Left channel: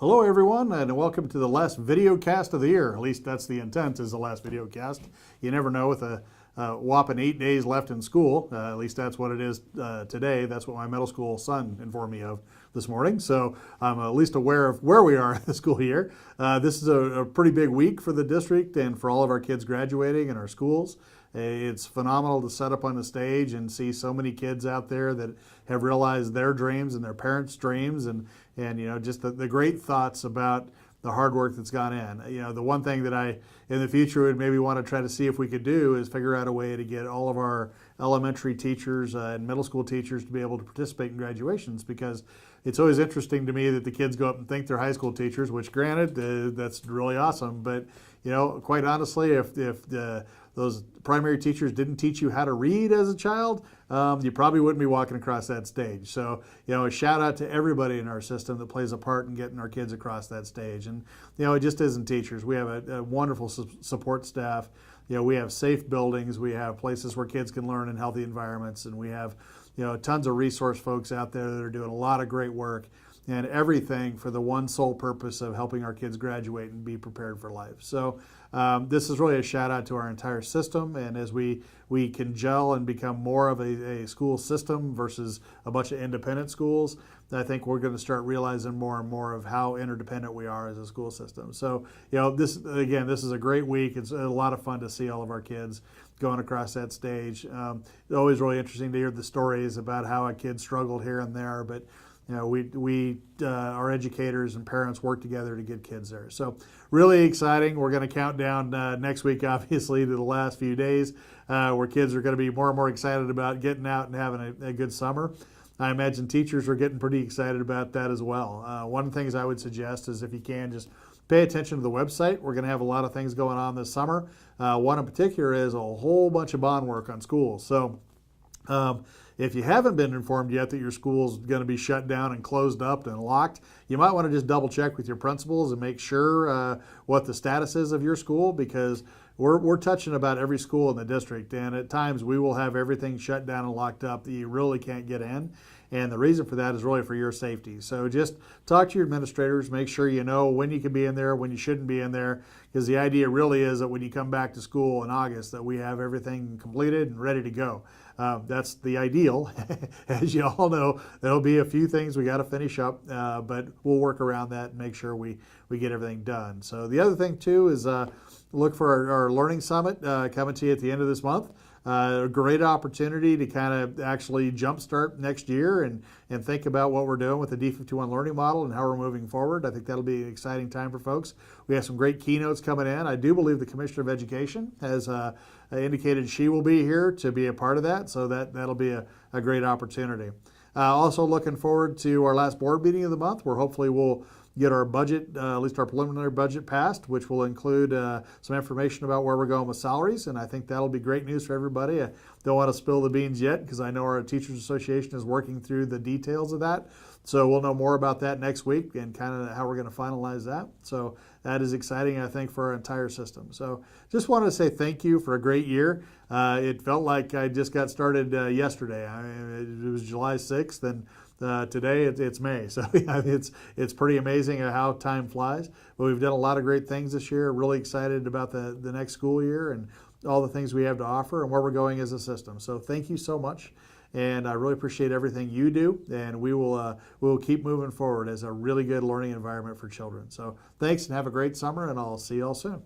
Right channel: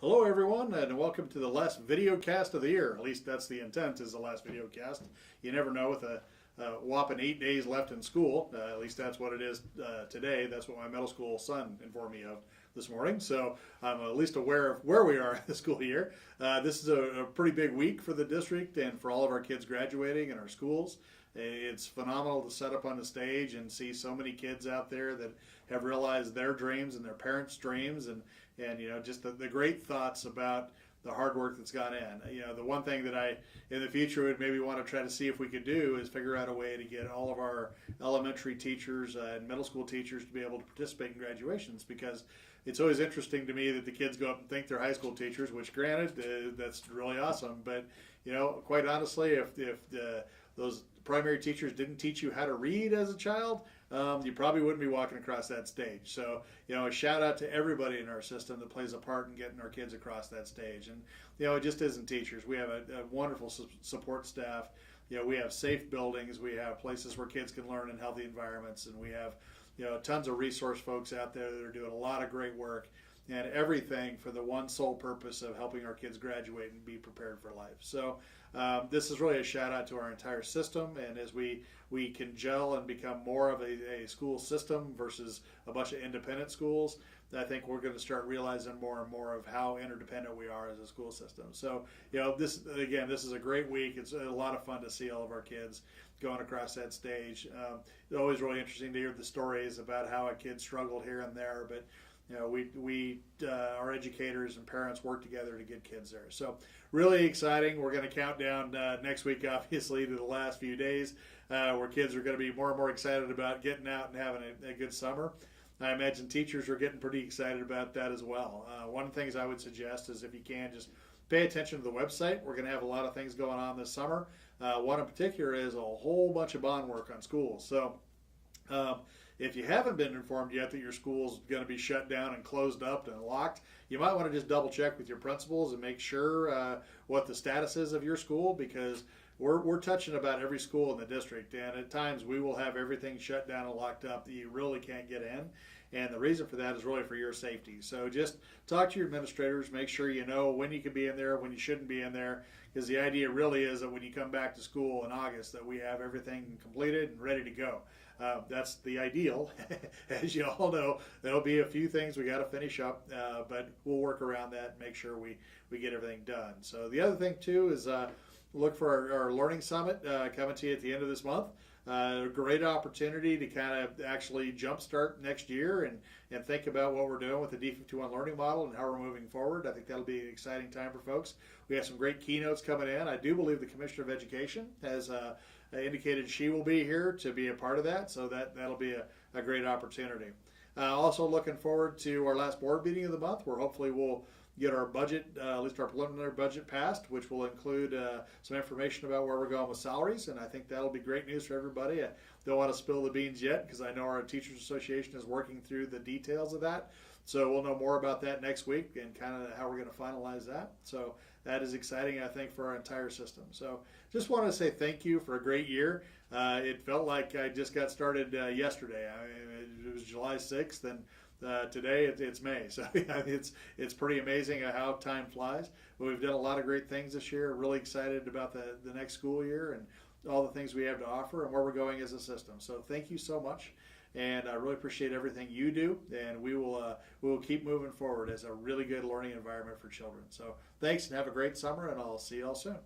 Hello, everyone, and welcome to the last video cast of the year. At least that's the intent, is the last video cast. You never know with a whopping 8 days left in school. At least that's what it is today. That's what my middle school son informed me of this morning. So I'm at least aware of where we are in the school year. This is a pretty big week for the district and for all of our kids graduating in our schools. It's phenomenal to set up on the stage and see so many kids out there that have realized their dreams and their parents' dreams, and just the great thoughts about the hard work that's gone in. The one thing that I in the future would maybe want to try to see if we could do is figure out a way to get all of our elementary teachers and middle school teachers to be able to participate in graduations, because it's always interesting to me that the kids go up and think they're high school teachers, which granted, that's really awesome. But, quite honestly, if those primary teachers didn't teach you how to read as a child, you probably wouldn't be walking across that stage. So, a shout out to everybody in our system that plays a part in getting our kids across that stage. And, it just isn't teachers. We have a wonderful support staff. We have safe buildings. We have places where kids can learn in healthy environments. And we have, tons of resource folks out there that are doing a lot of great work, and everything for the one sole purpose of helping our kids graduate and be prepared for life. So this is really a shout out to our entire system. And as we can gel and become more of a school system versus a bunch of independent schools, I think we're going to start realizing more and more of how interdependent we are as a school system. So, this is a great week. It's a lot of fun to see all of our kids going across that stage. It's always really interesting to hear the stories about how a kid struggled here and there, but our educators and parents work together to get kids there. So really exciting. We're going to count down next week, obviously, to the last few days where kids are going to be more and more excited about getting out and having a good summer. I imagine teachers are getting pretty excited about that as well. One of the things I would suggest is, if you can, just pay attention to the website. We're going to have a lot of things going on this summer. One in particular is a whole bunch of bond work on schools. So if you haven't been informed yet that your school's going to be shut down and closed up and locked, you might want to just double check with your principals and make sure what the status is of your school, because we're touching about every school in the district, and at times we will have everything shut down and locked up that you really can't get in. And the reason for that is really for your safety. So just talk to your administrators, make sure you know when you can be in there, when you shouldn't be in there, because the idea really is that when you come back to school in August, that we have everything completed and ready to go. That's the ideal. As you all know, there'll be a few things we got to finish up, but we'll work around that and make sure we get everything done. So the other thing too is look for our Learning Summit coming to you at the end of this month. A great opportunity to kind of actually jumpstart next year and think about what we're doing with the D51 learning model and how we're moving forward. I think that'll be an exciting time for folks. We have some great keynotes coming in. I do believe the Commissioner of Education has indicated she will be here to be a part of that, so that'll be a great opportunity. Also looking forward to our last board meeting of the month, where hopefully we'll get our budget, at least our preliminary budget, passed, which will include some information about where we're going with salaries. And I think that'll be great news for everybody. I don't want to spill the beans yet, because I know our Teachers Association is working through the details of that. So we'll know more about that next week and kind of how we're going to finalize that. So that is exciting, I think, for our entire system. So just wanted to say thank you for a great year. It felt like I just got started yesterday. It was July 6th, and today it's May, so it's pretty amazing how time flies. But we've done a lot of great things this year. Really excited about the next school year and all the things we have to offer and where we're going as a system. So thank you so much, and I really appreciate everything you do. And we will keep moving forward as a really good learning environment for children. So thanks, and have a great summer, and I'll see you all soon.